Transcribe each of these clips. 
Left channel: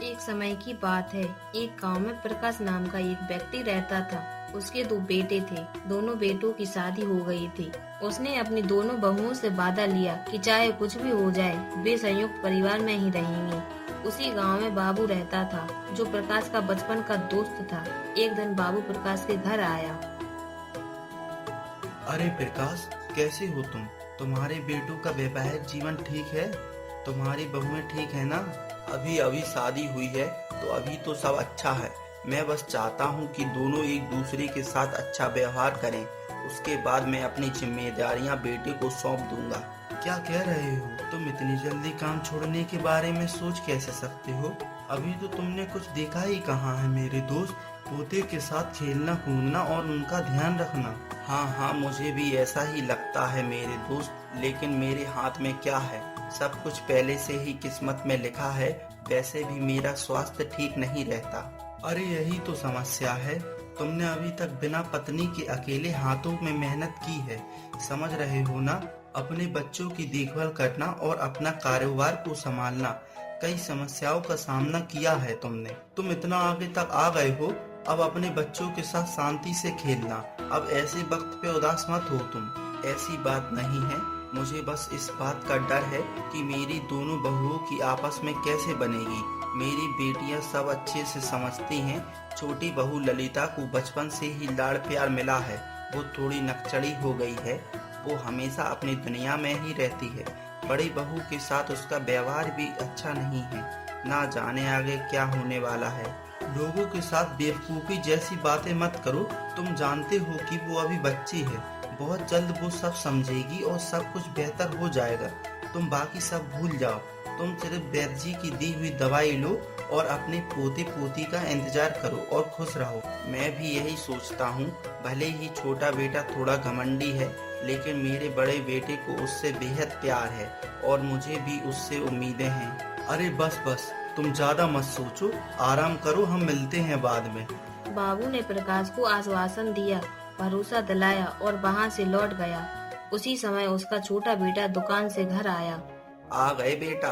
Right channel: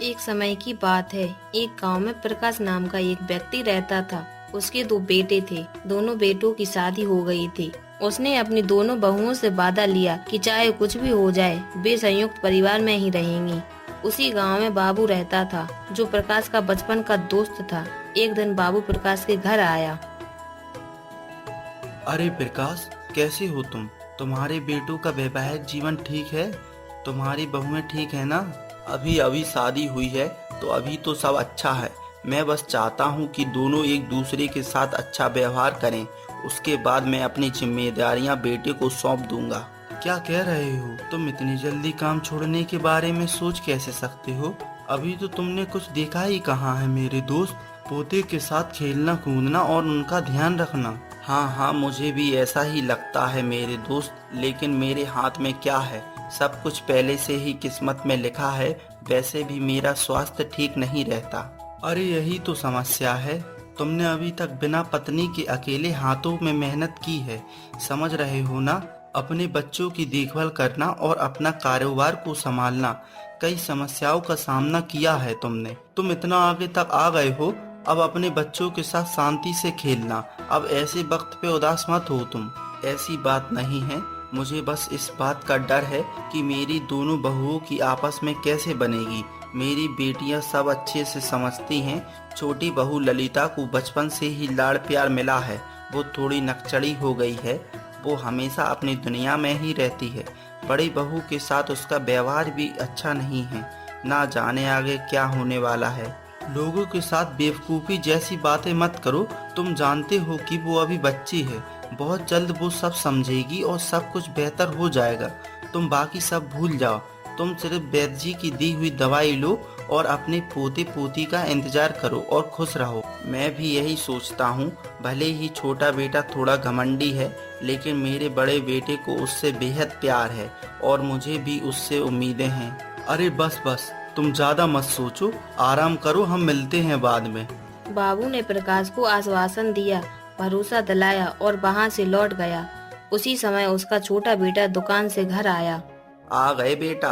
एक समय की बात है। एक गांव में प्रकाश नाम का एक व्यक्ति रहता था। उसके दो बेटे थे। दोनों बेटों की शादी हो गई थी। उसने अपनी दोनों बहुओं से वादा लिया कि चाहे कुछ भी हो जाए वे संयुक्त परिवार में ही रहेंगी। उसी गांव में बाबू रहता था, जो प्रकाश का बचपन का दोस्त था। एक दिन बाबू प्रकाश के घर आया। अरे प्रकाश, कैसे हो तुम? तुम्हारे बेटों का वैवाहिक जीवन ठीक है? तुम्हारी बहुएं ठीक है ना? अभी अभी शादी हुई है तो अभी तो सब अच्छा है। मैं बस चाहता हूँ कि दोनों एक दूसरे के साथ अच्छा व्यवहार करें। उसके बाद मैं अपनी जिम्मेदारियाँ बेटे को सौंप दूंगा। क्या कह रहे हो? तुम इतनी जल्दी काम छोड़ने के बारे में सोच कैसे सकते हो? अभी तो तुमने कुछ देखा ही कहाँ है मेरे दोस्त। पोते के साथ खेलना कूदना और उनका ध्यान रखना। हाँ हाँ, मुझे भी ऐसा ही लगता है मेरे दोस्त, लेकिन मेरे हाथ में क्या है? सब कुछ पहले से ही किस्मत में लिखा है। वैसे भी मेरा स्वास्थ्य ठीक नहीं रहता। अरे यही तो समस्या है। तुमने अभी तक बिना पत्नी के अकेले हाथों में मेहनत की है, समझ रहे हो ना? अपने बच्चों की देखभाल करना और अपना कारोबार को संभालना, कई समस्याओं का सामना किया है तुमने। तुम इतना आगे तक आ गए हो, अब अपने बच्चों के साथ शांति से खेलना। अब ऐसे वक्त पे उदास मत हो तुम। ऐसी बात नहीं है। मुझे बस इस बात का डर है कि मेरी दोनों बहुओं की आपस में कैसे बनेगी। मेरी बेटियां सब अच्छे से समझती हैं। छोटी बहू ललिता को बचपन से ही लाड़ प्यार मिला है। वो थोड़ी नकचड़ी हो गई है। वो हमेशा अपनी दुनिया में ही रहती है। बड़ी बहू के साथ उसका व्यवहार भी अच्छा नहीं है। ना जाने आगे क्या होने वाला है। लोगों के साथ बेवकूफ़ी जैसी बातें मत करो। तुम जानते हो कि वो अभी बच्ची है। बहुत जल्द वो सब समझेगी और सब कुछ बेहतर हो जाएगा। तुम बाकी सब भूल जाओ। तुम सिर्फ वैद्य जी की दी हुई दवाई लो और अपने पोते पोती का इंतजार करो और खुश रहो। मैं भी यही सोचता हूँ। भले ही छोटा बेटा थोड़ा घमंडी है, लेकिन मेरे बड़े बेटे को उससे बेहद प्यार है और मुझे भी उससे उम्मीदें हैं। अरे बस बस, तुम ज्यादा मत सोचो, आराम करो, हम मिलते हैं बाद में। बाबू ने प्रकाश को आश्वासन दिया, भरोसा दिलाया और वहाँ से लौट गया। उसी समय उसका छोटा बेटा दुकान से घर आया। आ गए बेटा।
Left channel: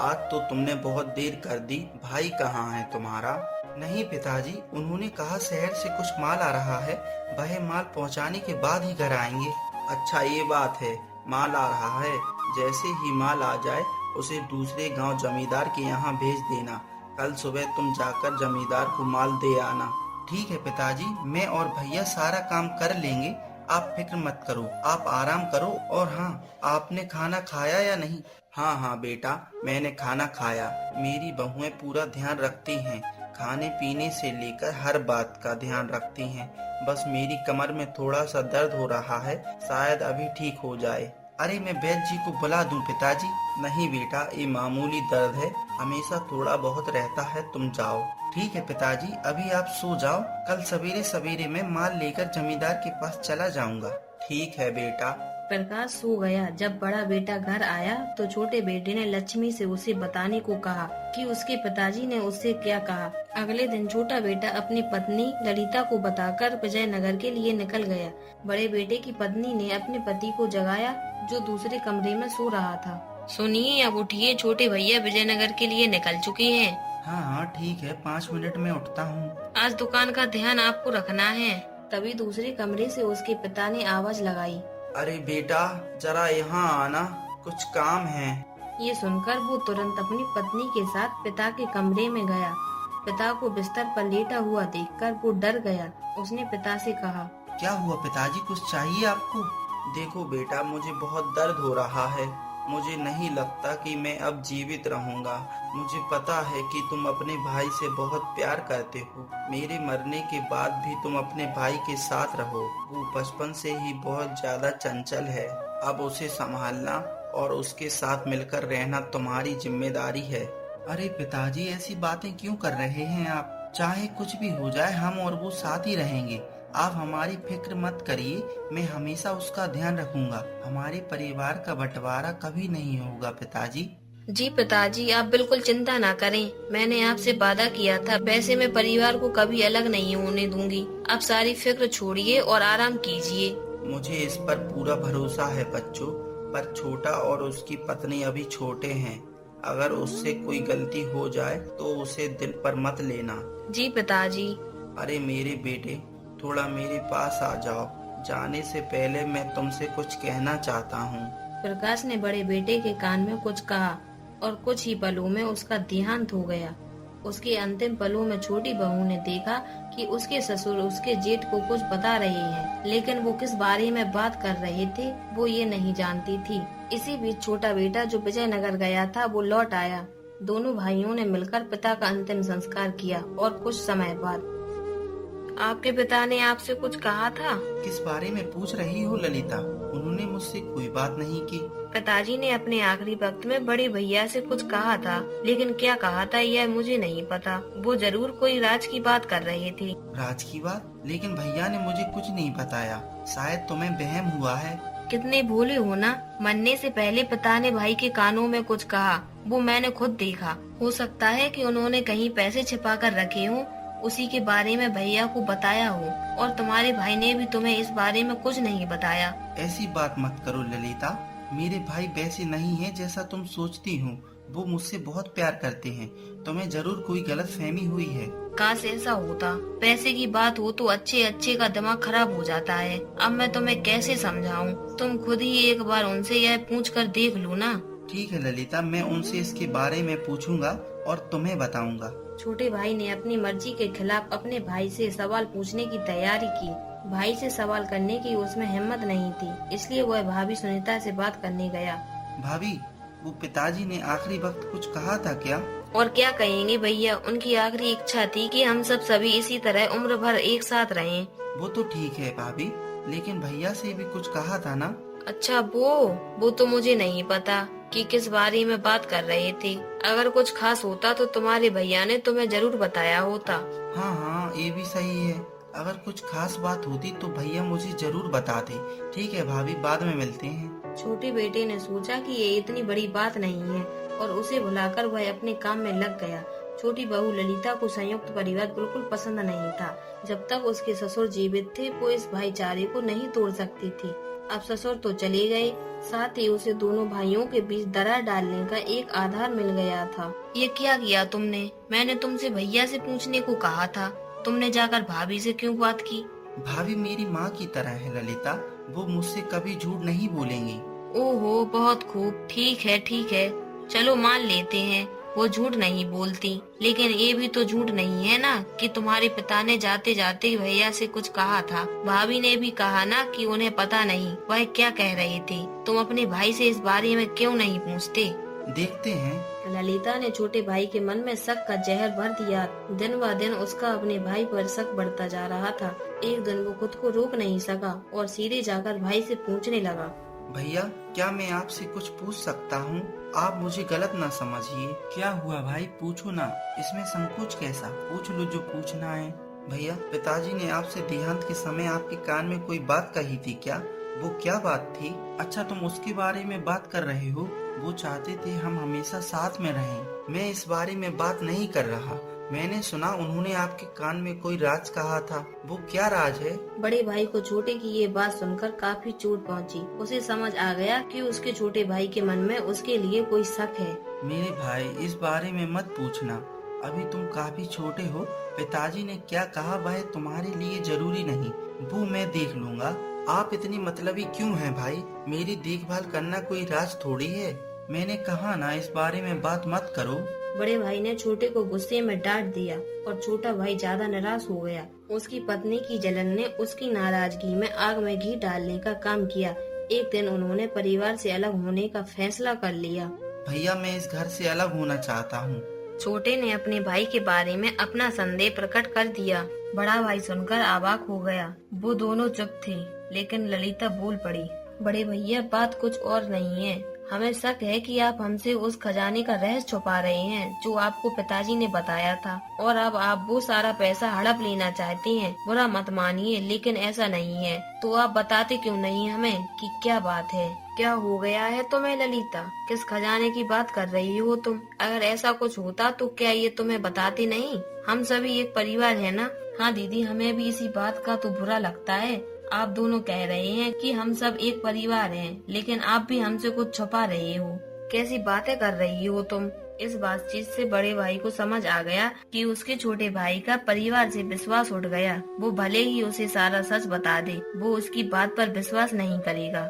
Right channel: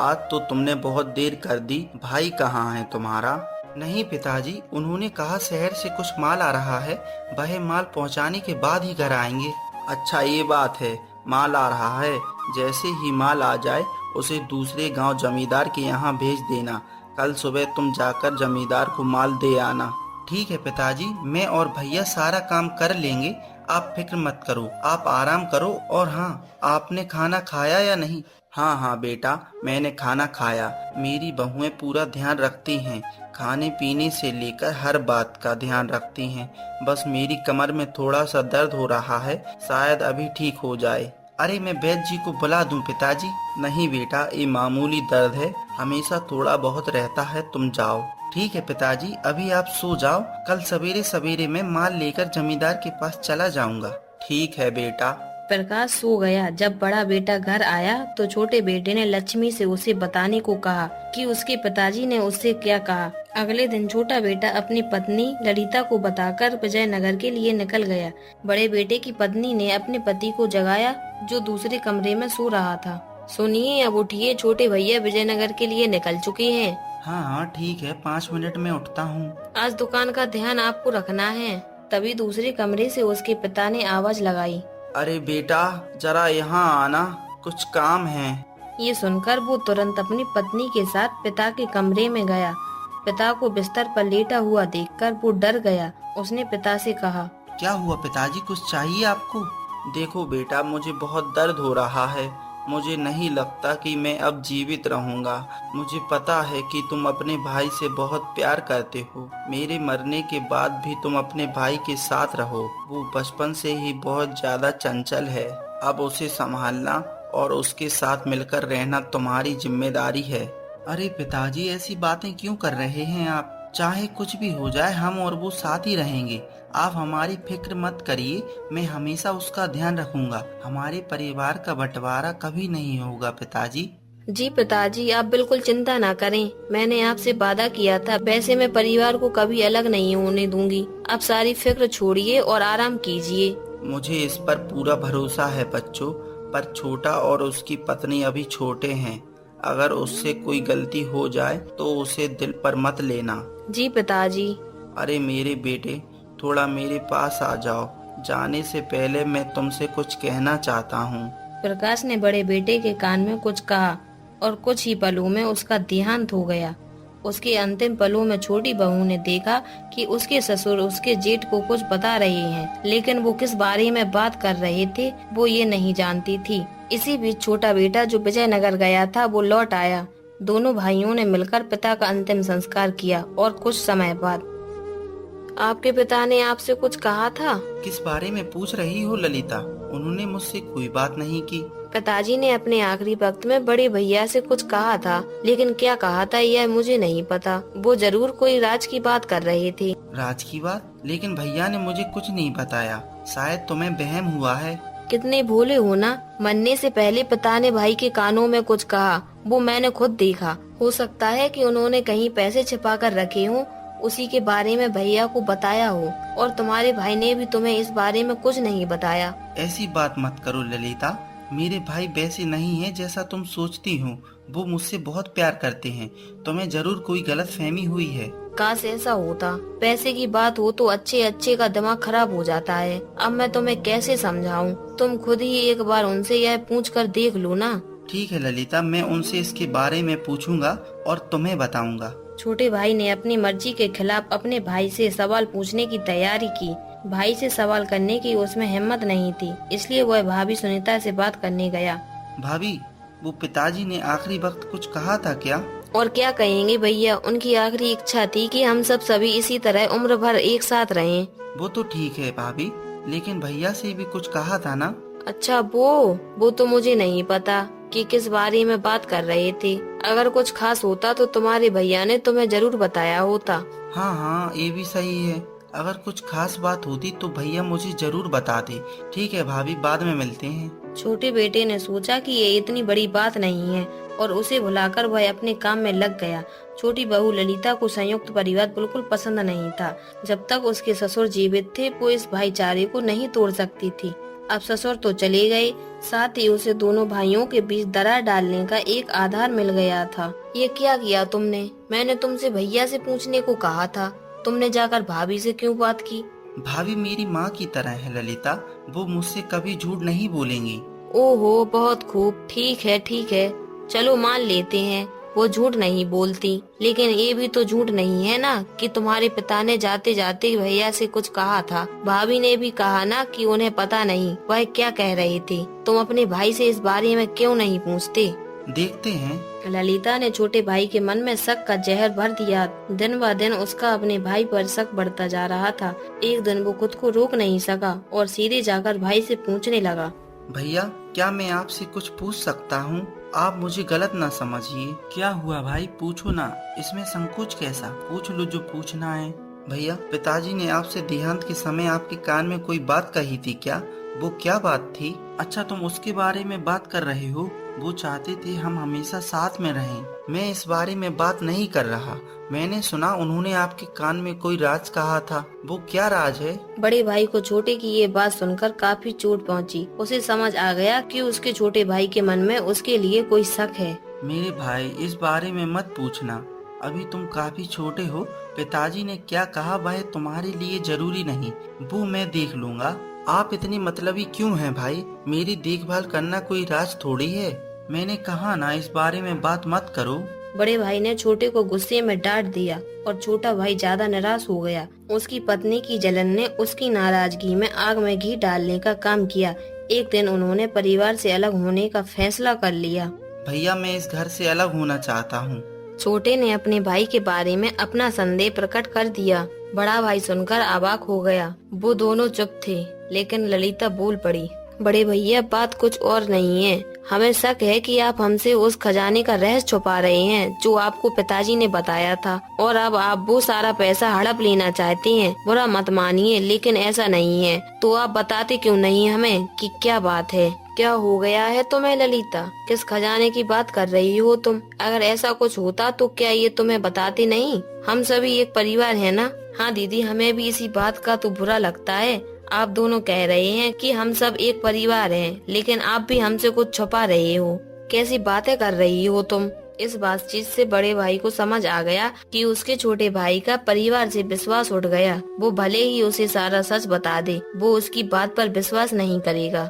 आज तो तुमने बहुत देर कर दी। भाई कहाँ है तुम्हारा? नहीं पिताजी, उन्होंने कहा शहर से कुछ माल आ रहा है, वह माल पहुंचाने के बाद ही घर आएंगे। अच्छा ये बात है, माल आ रहा है। जैसे ही माल आ जाए उसे दूसरे गांव जमींदार के यहाँ भेज देना। कल सुबह तुम जाकर जमींदार को माल दे आना। ठीक है पिताजी, मैं और भैया सारा काम कर लेंगे। आप फिक्र मत करो, आप आराम करो। और हाँ, आपने खाना खाया या नहीं? हाँ हाँ बेटा, मैंने खाना खाया। मेरी बहुएं पूरा ध्यान रखती हैं। खाने पीने से लेकर हर बात का ध्यान रखती हैं। बस मेरी कमर में थोड़ा सा दर्द हो रहा है, शायद अभी ठीक हो जाए। अरे मैं वैद्य जी को बुला दूं पिताजी? नहीं बेटा, ये मामूली दर्द है, हमेशा थोड़ा बहुत रहता है, तुम जाओ। ठीक है पिताजी, अभी आप सो जाओ। कल सवेरे सवेरे मैं माल लेकर जमींदार के पास चला जाऊंगा। ठीक है बेटा। प्रकाश सो गया। जब बड़ा बेटा घर आया तो छोटे बेटे ने लक्ष्मी से उसे बताने को कहा कि उसके पिताजी ने उससे क्या कहा। अगले दिन छोटा बेटा अपनी पत्नी ललिता को बताकर विजयनगर के लिए निकल गया। बड़े बेटे की पत्नी ने अपने पति को जगाया, जो दूसरे कमरे में सो रहा था। सुनिए, अब उठिए, छोटे भैया विजयनगर के लिए निकल चुके हैं। हाँ हाँ ठीक है, 5 मिनट में उठता हूँ। आज दुकान का ध्यान आपको रखना है। तभी दूसरे कमरे से उसके पिता ने आवाज लगाई। अरे बेटा, जरा यहाँ आना, कुछ काम है। ये सुनकर वो तुरंत अपनी पत्नी के साथ पिता के कमरे में गया। पिता को बिस्तर पर लेटा हुआ देखकर वो डर गया। उसने पिता से कहा, क्या हुआ पिताजी, कुछ चाहिए आपको? देखो बेटा, मुझे बहुत दर्द हो रहा है। मुझे नहीं लगता कि मैं अब जीवित रहूंगा। मुझे पता है कि तुम अपने भाई से बहुत प्यार करते हो। मेरे मरने के बाद भी तुम अपने भाई के साथ रहो। वो बचपन से ही बहुत ज्यादा चंचल है। अब उसे संभालना और उसके साथ मिलकर रहना तुम्हारी जिम्मेदारी है। अरे पिताजी, ऐसी बातें क्यों कर रहे हैं आप? चाहे कुछ भी हो जाए, हम और वो साथ ही रहेंगे। आप हमारी फिक्र मत करिए, मैं हमेशा उसका ध्यान रखूंगा। हमारे परिवार का बंटवारा कभी नहीं होगा पिताजी। जी पिताजी, आप बिल्कुल चिंता ना करें। मैंने आपसे वादा किया था, वैसे मैं परिवार को कभी अलग नहीं होने दूंगी। आप सारी फिक्र छोड़िए और आराम कीजिए। मुझे इस पर पूरा भरोसा है बच्चों, पर छोटा और उसकी पत्नी अभी छोटे हैं। अगर उससे कोई गलती हो जाए तो उसे दिल पर मत लेना। जी पिताजी। अरे मेरे बेटे, थोड़ा मेरे पास आ जाओ। जाने से पहले मैं तुमसे कुछ कहना चाहता हूँ। प्रकाश ने बड़े बेटे के कान में कुछ कहा और कुछ ही पलों में उसका देहांत हो गया। उसके अंतिम पलों में छोटी बहू ने देखा कि उसके ससुर उसके जेठ को कुछ बता रहे हैं, लेकिन वो किस बारे में बात कर रहे थे वो ये नहीं जानती थी। इसी बीच छोटा बेटा जो विजयनगर गया था वो लौट आया। दोनों भाइयों ने मिलकर पिता का अंतिम संस्कार किया और कुछ समय बाद आपके पिता ने आपसे कुछ कहा था? किस बारे में पूछ रही हो ललिता? उन्होंने मुझसे कोई बात नहीं की। पिताजी ने अपने आखिरी वक्त में बड़े भैया से कुछ कहा था, लेकिन क्या कहा था यह मुझे नहीं पता। वो जरूर कोई राज की बात कर रहे थे। राज की बात? लेकिन भैया ने मुझे कुछ नहीं बताया। शायद तुम्हें वहम हुआ है। कितने भोले हो ना। मरने से पहले पिता ने भाई के कानों में कुछ कहा, वो मैंने खुद देखा। हो सकता है कि उन्होंने कहीं पैसे छिपा कर रखे हों, उसी के बारे में भैया को बताया हो, और तुम्हारे भाई ने भी तुम्हें इस बारे में कुछ नहीं बताया। ऐसी बात मत करो ललिता। मेरे भाई वैसे नहीं है जैसा तुम सोचती हो। वो मुझसे बहुत प्यार करते हैं। तुम्हें जरूर कोई गलत फहमी हुई है। काश ऐसा होता। पैसे की बात हो तो अच्छे अच्छे का दिमाग खराब हो जाता है। अब मैं तुम्हें कैसे समझाऊं? तुम खुद ही एक बार उनसे यह पूछ कर देख लो ना। ठीक है ललिता, मैं उनसे इसके बारे में पूछूंगा और तुम्हें बताऊंगा। छोटे भाई ने अपनी मर्जी के खिलाफ अपने भाई से सवाल पूछने की तैयारी की। भाई से सवाल करने की उसमें हिम्मत नहीं थी, इसलिए वह भाभी सुनीता से बात करने गया। भाभी, वो पिताजी ने आखिरी वक्त कुछ कहा था क्या? और क्या कहेंगे भैया, उनकी आखिरी इच्छा थी कि हम सब सभी इसी तरह उम्र भर एक साथ रहें। वो तो ठीक है भाभी, लेकिन भैया से भी कुछ कहा था ना? अच्छा, वो तो मुझे नहीं पता कि किस बारे में बात कर रहे थे। अगर कुछ खास होता तो तुम्हारे भैया ने तुम्हें जरूर बताया होता। हाँ हाँ, ये भी सही है। अगर कुछ खास बात होती तो भैया मुझे जरूर बताते। ठीक है भाभी, बाद में मिलते हैं। छोटे बेटे ने सोचा कि ये इतनी बड़ी बात नहीं है और उसे भुलाकर वह अपने काम में लग गया। छोटी बहू ललिता को संयुक्त परिवार बिल्कुल पसंद नहीं था। जब तक उसके ससुर जीवित थे वो इस भाईचारे को नहीं तोड़ सकती थी। अब ससुर तो चले गए, साथ ही उसे दोनों भाइयों के बीच दरार डालने का एक आधार मिल गया था। ये क्या किया तुमने? मैंने तुमसे भैया से पूछने को कहा था, तुमने जाकर भाभी से क्यों बात की? भाभी मेरी माँ की तरह है ललिता। वो मुझसे कभी झूठ नहीं बोलेंगी। ओहो, बहुत खूब। ठीक है, चलो मान लेते हैं वो झूठ नहीं बोलती, लेकिन ये भी तो झूठ नहीं है ना कि तुम्हारे पिता ने जाते जाते भैया से कुछ कहा था। भाभी ने भी कहा ना कि उन्हें पता नहीं वह क्या कह रहे थे। तुम अपने भाई से इस बारे में क्यों नहीं पूछते? देखते हैं। ललिता ने छोटे भाई के मन में शक का जहर भर दिया। दिन ब दिन उसका अपने भाई पर शक बढ़ता जा रहा था। एक दिन वो खुद को रोक नहीं सका और सीधे जाकर भाई से पूछने लगा। भैया, क्या मैं आपसे कुछ पूछ सकता हूँ? आप मुझे गलत ना समझिए। क्या हुआ भाई, पूछो ना। इसमें संकोच कैसा? पूछ लो जो पूछना है। भैया, पिताजी ने आपसे देहांत के समय आपके कान में कोई बात कही थी क्या? वो क्या बात थी? अच्छा, तुम उसके बारे में बात कर रहे हो। वो चाहते थे हम हमेशा साथ में रहें। मैं इस बारे में बात नहीं कर रहा। मैंने सुना उन्होंने आपके कान में कोई राज कहा था। वो क्या राज है? बड़े भाई को छोटे की ये बात सुनकर काफी चोट पहुंची। उसे समझ आ गया कि उसके छोटे भाई के मन में उसके लिए कोई शक है। मेरे भाई, इस बारे में मत पूछना। अभी तुम काफी छोटे हो। पिताजी ने क्या कहा वह तुम्हारे लिए जरूरी नहीं। वो मैं देख लूंगा। आप इतनी मतलबी क्यों हैं भाई? मेरी देखभाल करना कोई राज थोड़ी है। मैंने कहा ना, इस बारे में बात मत करो। बड़े भाई ने छोटे को गुस्से में डांट दिया और छोटा भाई ज्यादा निराश हो गया। उसकी पत्नी की जलन ने उसकी नाराजगी में आग में घी डालने का काम किया। एक दिन उन्होंने परिवार से अलग होने का फैसला कर लिया। भैया, मैं इस घर से अलग होना चाहता हूँ। छोटे ने अपने भाई के बारे में अपना संदेह प्रकट कर दिया। बड़ा भाई सुनकर अवाक हो गया। वो दोनों चुप थे, लेकिन ललिता बोल पड़ी। बड़े भैया, बात कुछ और नहीं है। हमें शक है कि आप हमसे उस खजाने का रहस्य छुपा रहे हैं जो आपको पिताजी ने बताया था, और अब आप वो सारा पैसा हड़प लेना चाहते हैं। बुरा मत मानिए, लेकिन ऐसा नहीं है। तो आप बताते क्यों नहीं हमें कि क्या बात है? क्या हो गया है तुम्हें ललिता? किस खजाने की बात कर रही हो तुम? अगर ऐसा कुछ होता तो क्या ये तुम्हें बताते नहीं? हम सभी एक परिवार है ना। हाँ दीदी, हमें भी इसी बात का तो बुरा लगता है। आप दोनों कह रहे हैं कि हम सब एक परिवार हैं, लेकिन आप भी हमसे कुछ छुपा रहे हो। कैसी बातें कर रही हो तुम। इस बातचीत से बड़े भाई को समझ आ गया कि उसके छोटे भाई का परिवार से विश्वास उठ गया। वो भले ही उसे सारा सच बता दे, वो उसकी बात पर विश्वास नहीं करेगा।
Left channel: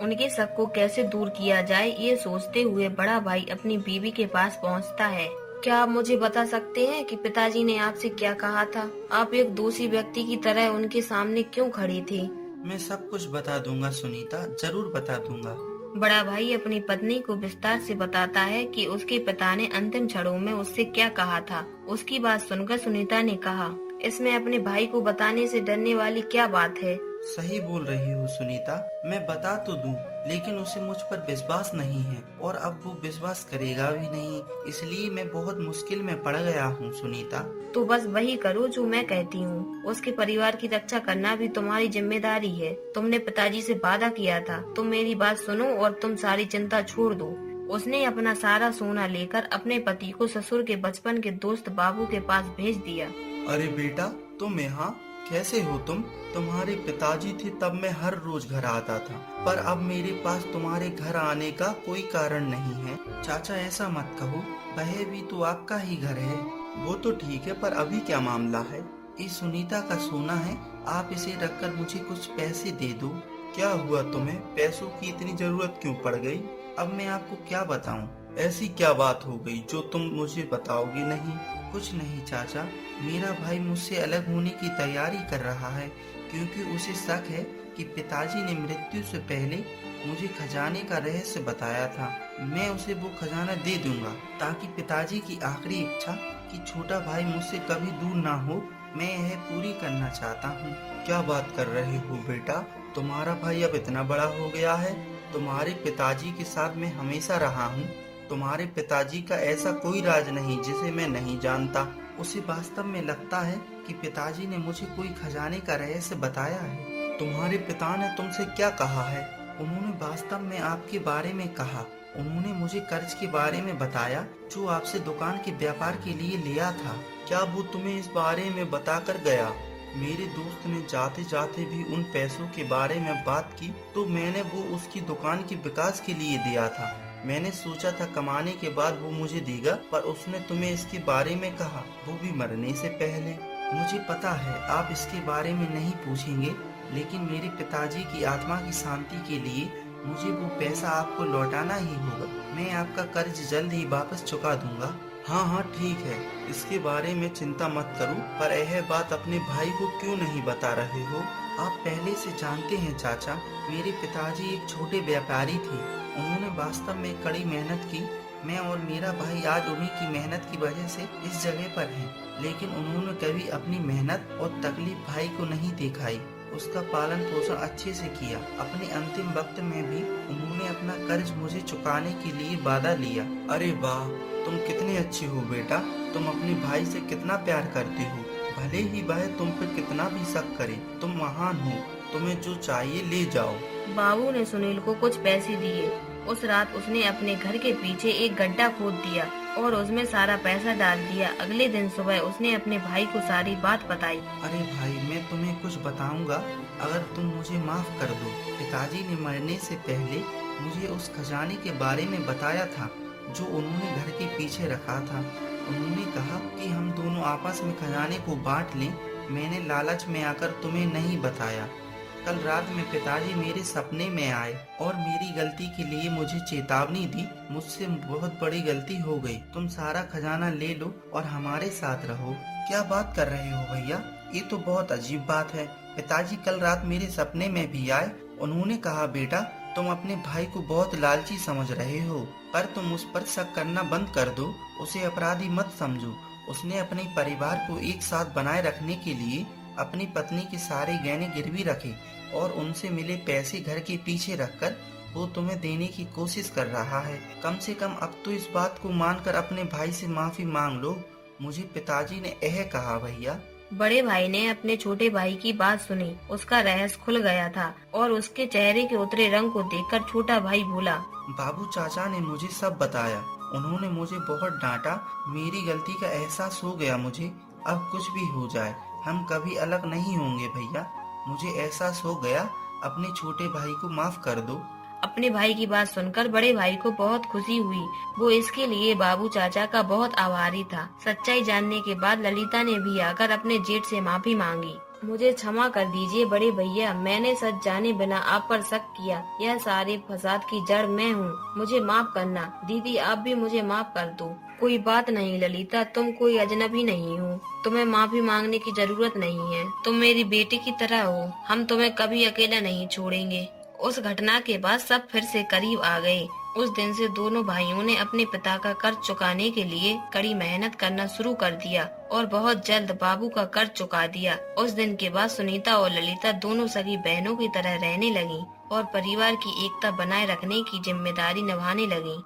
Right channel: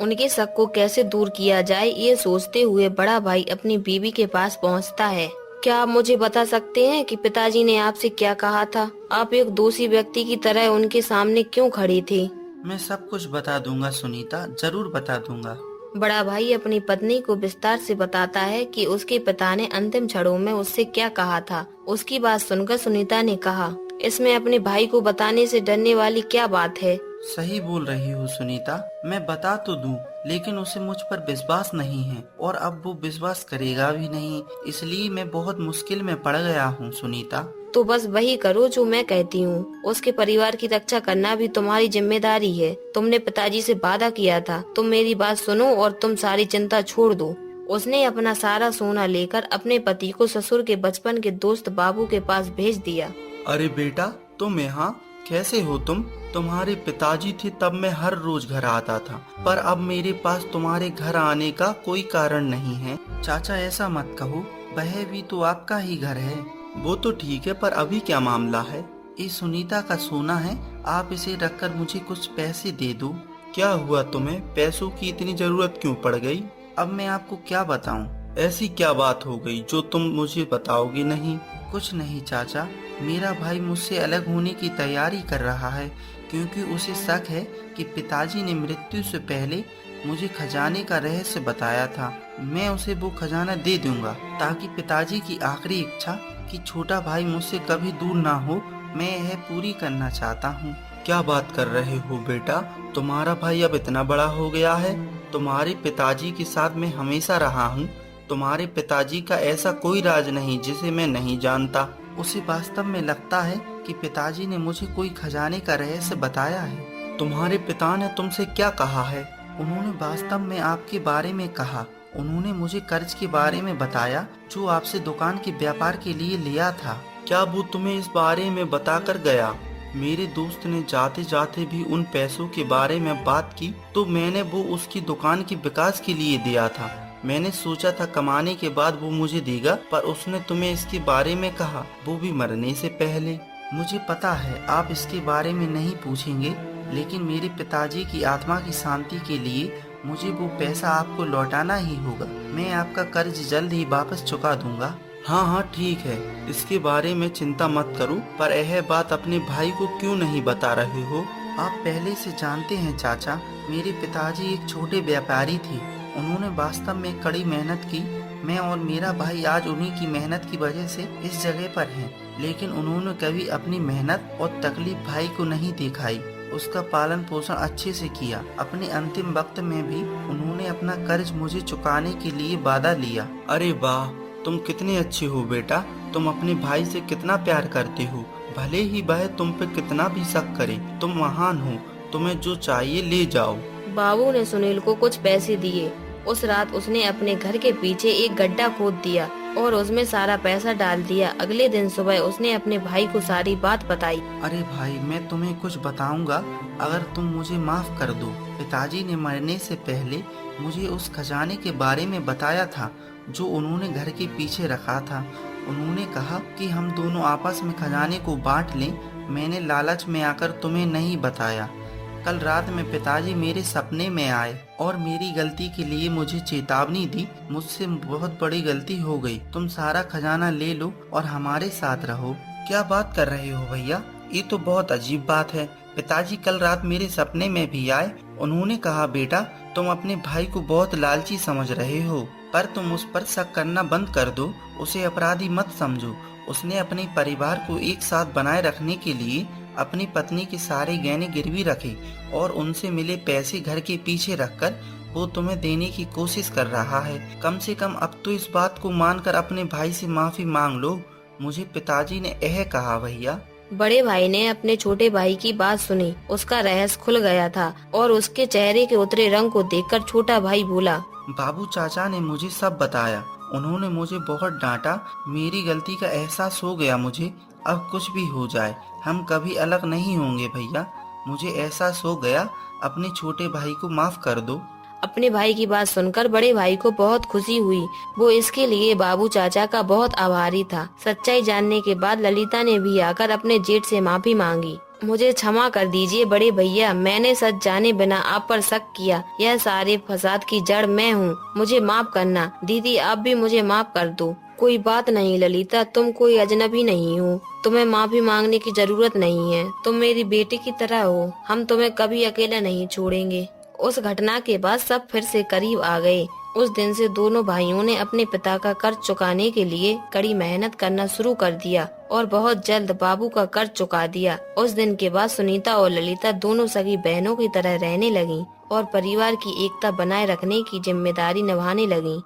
उनके शक को कैसे दूर किया जाए, ये सोचते हुए बड़ा भाई अपनी बीवी के पास पहुंचता है। क्या आप मुझे बता सकते हैं कि पिताजी ने आपसे क्या कहा था? आप एक दोषी व्यक्ति की तरह उनके सामने क्यों खड़े थे? मैं सब कुछ बता दूंगा सुनीता, जरूर बता दूंगा। बड़ा भाई अपनी पत्नी को विस्तार से बताता है कि उसके पिता ने अंतिम क्षणों में उससे क्या कहा था। उसकी बात सुनकर सुनीता ने कहा, इसमें अपने भाई को बताने से डरने वाली क्या बात है? सही बोल रही हूँ सुनीता, मैं बता तो दूं, लेकिन उसे मुझ पर विश्वास नहीं है और अब वो विश्वास करेगा भी नहीं, इसलिए मैं बहुत मुश्किल में पड़ गया हूँ सुनीता। तो बस वही करो जो मैं कहती हूँ। उसके परिवार की रक्षा करना भी तुम्हारी जिम्मेदारी है। तुमने पिताजी से वादा किया था। तुम मेरी बात सुनो और तुम सारी चिंता छोड़ दो। उसने अपना सारा सोना लेकर अपने पति को ससुर के बचपन के दोस्त बाबू के पास भेज दिया। अरे बेटा, तुम यहाँ कैसे हो? तुम्हारे पिताजी थे तब मैं हर रोज घर आता था, पर अब मेरे पास तुम्हारे घर आने का कोई कारण नहीं है। चाचा ऐसा मत कहो, वह भी तो आपका ही घर है। वो तो ठीक है, पर अभी क्या मामला है? ये सुनीता का सोना है, आप इसे रखकर मुझे कुछ पैसे दे दो। क्या हुआ तुम्हें? पैसों की इतनी जरूरत क्यों पड़ गई? अब मैं आपको क्या बताऊं? ऐसी क्या बात हो गई जो तुम मुझे बताओगे नहीं? कुछ नहीं चाचा, मेरा भाई मुझसे अलग होने की तैयारी कर रहा है, क्योंकि उसे शक है कि पिताजी ने मृत्यु से पहले मुझे खजाने का रहस्य बताया था। मैं उसे वो खजाना दे दूंगा, ताकि पिताजी की आखिरी इच्छा कि छोटा भाई मुझसे कभी दूर ना हो, मैं यह पूरी करना चाहता हूँ। क्या बात कर रहे हो बेटा? तुम्हारा भाई अब इतना बड़ा हो गया है? तुम्हारे पिताजी के साथ मैं हमेशा रहा हूँ। तुम्हारे पिताजी का ऐसा कोई राज नहीं जिसे मैं नहीं जानता। उसे वास्तव में लगता है कि पिताजी ने मुझे कोई खजाने का रहस्य बताया है। तुम्हारे पिता ने तुमसे क्या कहा है? उन्होंने वास्तव में आपके बारे में कहा। उन्होंने मुझे कर्ज के बारे में बताया जो आपसे दुकान के व्यापार के लिए लिया था। क्या वो तुम्हें इस बारे में बताकर गया? मेरे दोस्त ने जाते जाते भी उन पैसों के बारे में बात की, तो मैंने वो उसकी दुकान के विकास के लिए दिया था। मैंने सोचा था कमाने के बाद वो मुझे देगा, पर उसने तुम्हें इसके बारे में कहा, वो भी मरने से पहले। मुझे पता है आप इसके बारे में नहीं पूछेंगे, लेकिन मेरे पिताजी की आत्मा की शांति के लिए मुझे वो पैसा आपको लौटाना ही होगा। मैं आपका कर्ज जल्द ही वापस चुका दूंगा। हाँ हाँ ठीक है, इसके बारे में चिंता मत करो, पर यह बात अपने भाई को क्यों नहीं बता रहे हो? आप पहले से जानते हैं चाचा, मेरे पिताजी एक छोटे व्यापारी थे। उन्होंने वास्तव में कड़ी मेहनत की। मैं और मेरा भाई आज उन्हीं की मेहनत की वजह से इस जगह पर हैं। लेकिन उन्होंने कभी अपनी मेहनत और तकलीफ भाई को नहीं दिखाई। उसका पालन पोषण अच्छे से किया। अपने अंतिम वक्त में भी उन्होंने अपना कर्ज मुझे चुकाने के लिए वादा लिया। अरे वाह, तुम कितने अच्छे हो बेटा। तुम अपने भाई से कितना प्यार करते हो, भले ही वह तुम पे कितना भी शक करे। तुम महान हो, तुम्हें जो चाहिए ले जाओ। बाबू ने सुनील को कुछ पैसे दिए। उस रात उसने अपने घर के पीछे एक गड्ढा खोद दिया और उसमें सारा पैसा डाल दिया। अगले दिन सुबह उसने अपने भाई को सारी बात बताई। अरे भाई, मैं तुम्हें कुछ बताऊंगा अगर तुम मुझे माफ कर दो। पिताजी ने मरने से पहले मुझे उस खजाने के बारे में बताया था जो उन्होंने घर के पीछे रखा था। उन्होंने कहा कि हम दोनों आपस में खजाने को बांट लें। मैंने लालच में आकर तुम्हें नहीं बताया। कल रात में पिताजी मेरे सपने में आए और मेरी गलती के लिए मुझे चेतावनी दी। मुझसे बहुत बड़ी गलती हो गई। तुम सारा खजाना ले लो और हमारे साथ रहो। क्या बात कर रहे हो भैया? ये तो बहुत अजीब बात है। पिताजी कल रात मेरे सपने में भी आए। उन्होंने कहा, बेटा तुम अपने भाई को बहुत लालची समझ रहे हो, पर तुम उस पर शक करना बंद कर दो। उसे अपराधी मत समझो। उसने अपने परिवार को एक साथ बनाए रखने के लिए अपनी पत्नी के सारे गहने गिरवी रखे और उनसे मिले पैसे घर के पीछे रखकर वो तुम्हें देने की कोशिश कर रहा है। कम से कम अब तो इस बात को मानकर अपने भाई से माफी मांग लो। मुझे पिताजी ने यह कहा भैया। बड़े भाई ने अपने छोटे भाई की बात सुनी। उसका रहस्य खुल गया था और उसके चेहरे के उतरे रंग को देखकर छोटा भाई बोला, बाबू चाचा ने मुझे सब बताया। उन्होंने मुझे बहुत डांटा। मेरी गलती का एहसास हो गया मुझे। अब कुछ भी हो जाए हम कभी अलग नहीं होंगे भैया। मुझे एहसास हो गया। अपने छोटे भाई को माफ कर दो। अपने भाई की बात सुनकर बड़े भाई को बहुत खुशी हुई। वो इसके लिए बाबू चाचा का बहुत आभारी था। सच्चाई जानने के बाद ललिता ने भी आकर अपने जेठ से माफी मांगी। मुझे क्षमा कर दीजिए बड़े भैया, मैंने सच जाने बिना आप पर शक किया। यह सारे फसाद की जड़ मैं हूँ, मुझे माफ करना। दीदी आप भी मुझे माफ कर दो। कोई बात नहीं ललिता, तुम कोई अजनबी नहीं हो, तुम्हें माफी मांगने की जरूरत नहीं है। तुम मेरी बेटी की तरह हो, हम तुम्हें कभी अकेला नहीं छोड़ेंगे। उस घटना के बाद सब फिर से करीब आ गए। उस दिन से दोनों भाइयों ने अपने पिता का कर्ज चुकाने के लिए कड़ी मेहनत करना शुरू कर दिया और बहुत जल्द बाबू का कर्ज चुका दिया। उस दिन के बाद सुनीता और ललिता दोनों सगी बहनों की तरह रहने लगीं और परिवार की एकता बनाए रखने की जिम्मेदारी निभाने लगीं।